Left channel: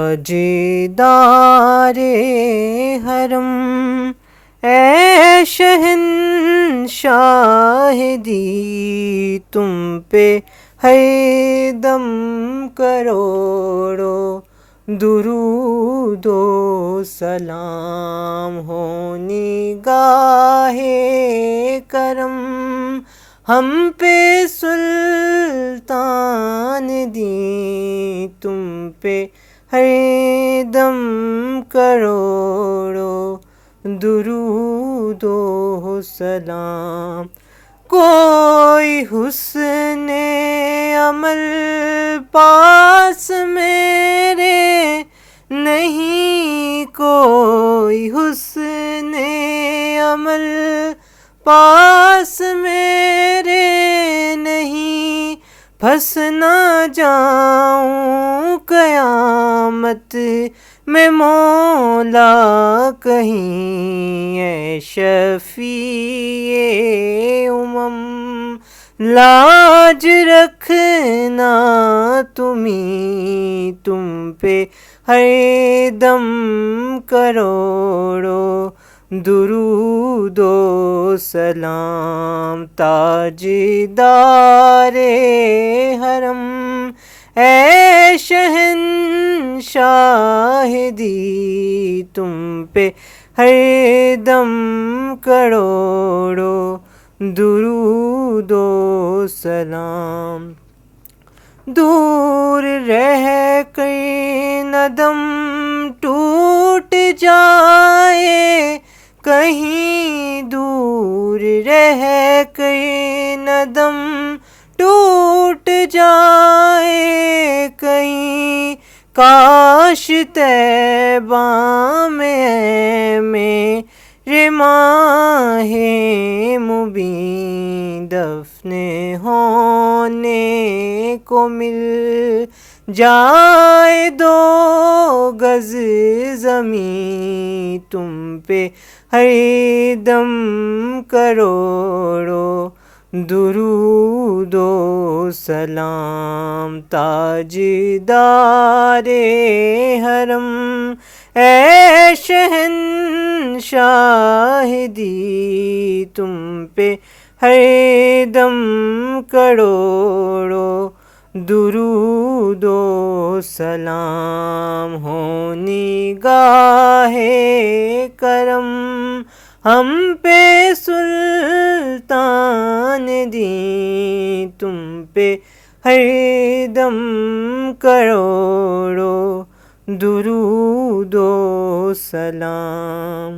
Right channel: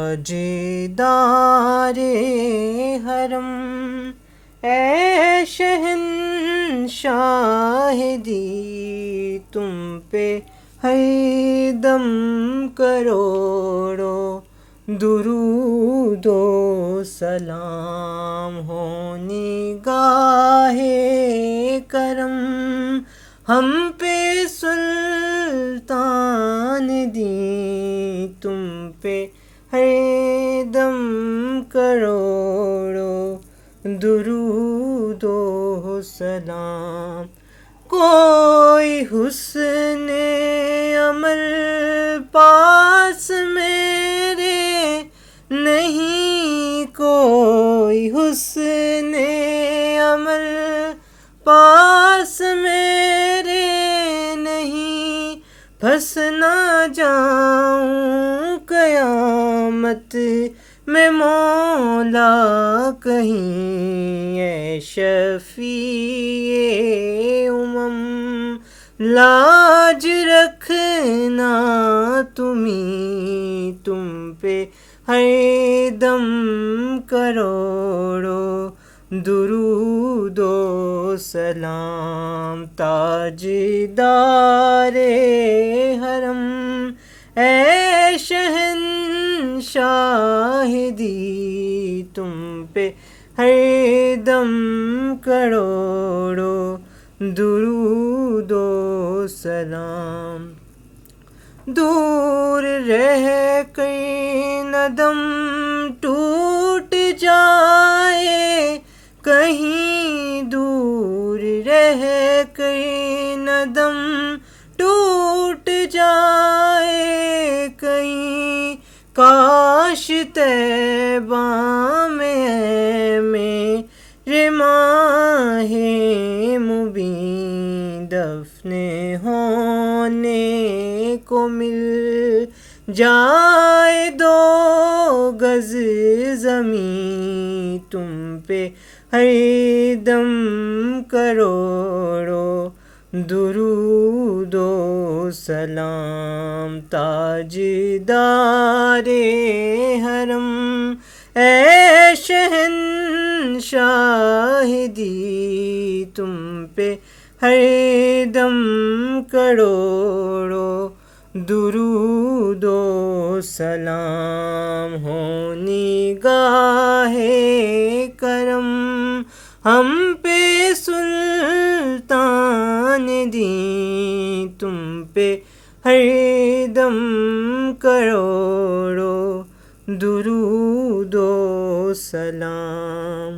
تاجدار حرم اے شہنشاہ دی، تم پہ ہر دم کروڑوں درود و سلام ہو نگاہ کرم ہم پہ سلطان دی، تم پہ ہر دم کروڑوں درود و سلام۔ کوئی حسن عمل پاس میرے نہیں، کوئی حسن عمل پاس میرے نہیں، پھنس نہ جاؤں قیامت میں مولا کہیں، اے شفیع امم لاج رکھنا تم پہ ہر دم کروڑوں درود و سلام۔ تاجدار حرم اے شہنشاہ دی، تم پہ ہر دم کروڑوں درود و سلام۔ دور رہ کر نہ دم ٹوٹ جائے کہیں، دور رہ کر نہ دم ٹوٹ جائے کہیں، کاش طیبہ میں میرے ماہ مبین دفن ہونے کو مل جائے، 2 گز زمین تم پہ ہر دم کروڑوں درود و سلام۔ تاجدار حرم اے شہنشاہ دی، تم پہ ہر دم کروڑوں درود و سلام ہو نگاہ کرم ہم پہ سلطان دی، تم پہ ہر دم کروڑوں درود و سلام۔